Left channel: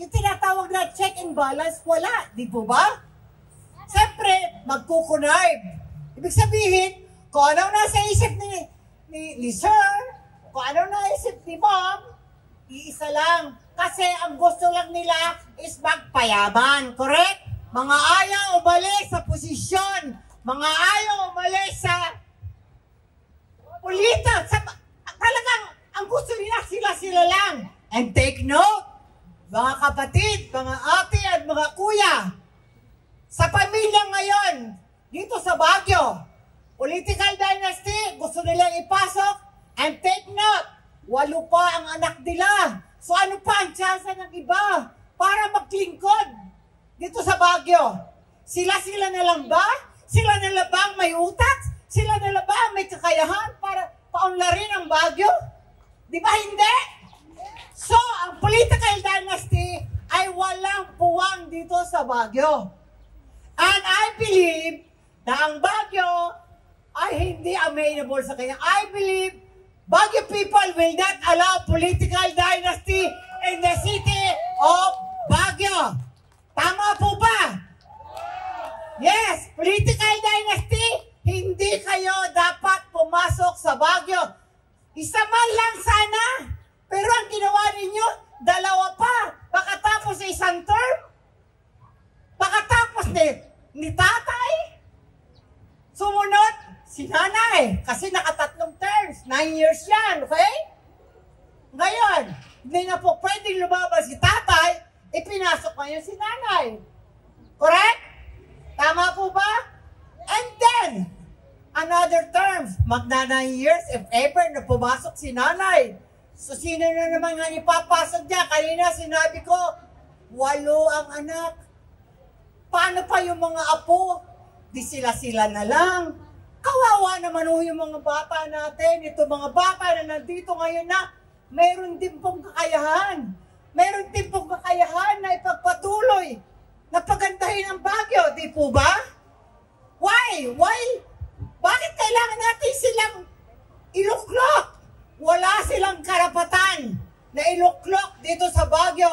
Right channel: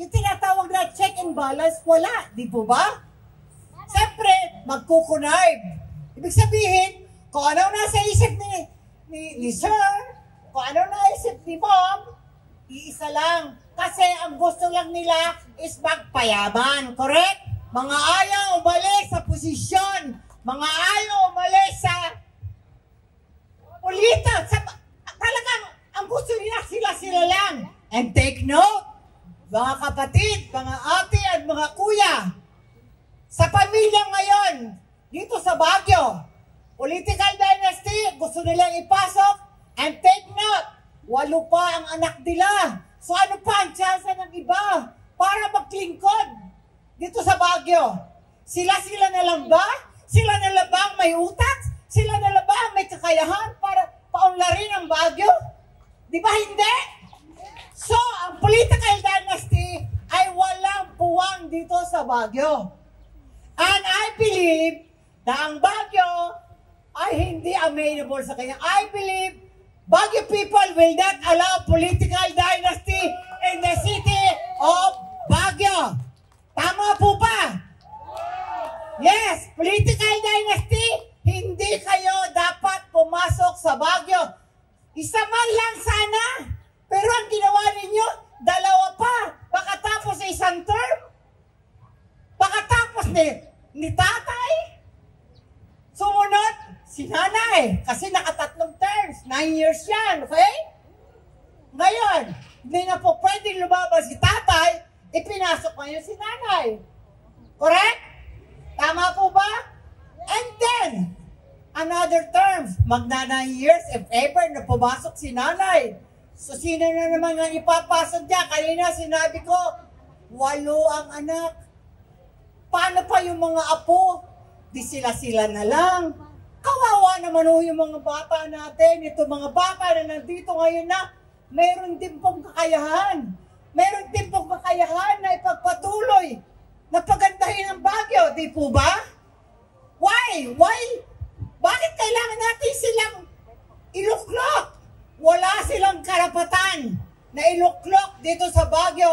yung tinatawag na check and balance, wala. Di po ba? Siyempre, magkukunarb. Ibig sabihin, kung ano nasa isip ni Sir, kung ano naisip ni Mom, iisa lang. Kasi ang gusto lang nila is magpayaman. Correct? Mga ayaw umalis sa posisyon. Mga ayaw umalis sa pulita. Talagang ang gusto nila sila lang. And take note, mga kapatid, mga ate at mga kuya, sa pamilya ngayon, dito sa Baguio, political dynasty, gusto nilang ipasok. And take note, 8 pa ang anak nila. So ano pa ang tsansa ng iba para maglingkod dito sa Baguio? Sila na lang ba? Sila na lang ba ang may utak? Sila na lang ba ang may kakayahan para paunlarin ang Baguio? Di ba hindi? So, ang political dynasty ay walang puwang dito sa Baguio. And I believe na ang Baguio ay hindi amenable sa kanya. I believe Baguio people will not allow political dynasty in the city of Baguio. Tama po ba? Yes, political dynasty, hindi kayo dapat pumasok sa Baguio. Isa man lang sana. Pero ang ginawa ninyo, 2 pa. Pakatapos sa isang term. Pakatapos ni tatay. Sumunod, si nanay. Kasi naka3 terms. 9 years yan, okay? Ngayon, hindi na po pwedeng lumabas si tatay, ipinasok ngayon si nanay. Correct? Tama po ba? And then, another terms, magna 9 years if ever na pumasok si nanay. So, sino na naman nga ipapasok niya? Kanina sinabi ko, 8 ang anak. Paano pa yung mga apo? Di sila na lang. Kawawa naman yung mga bata natin. Ito mga bata na nandito ngayon na mayroon din pong kakayahan. Mayroon din pong kakayahan na ipagpatuloy na pagandahin ang Baguio. Di po ba? Why? Bakit kailangan natin silang iluklok? Wala silang karapatan na iluklok dito sa Baguio.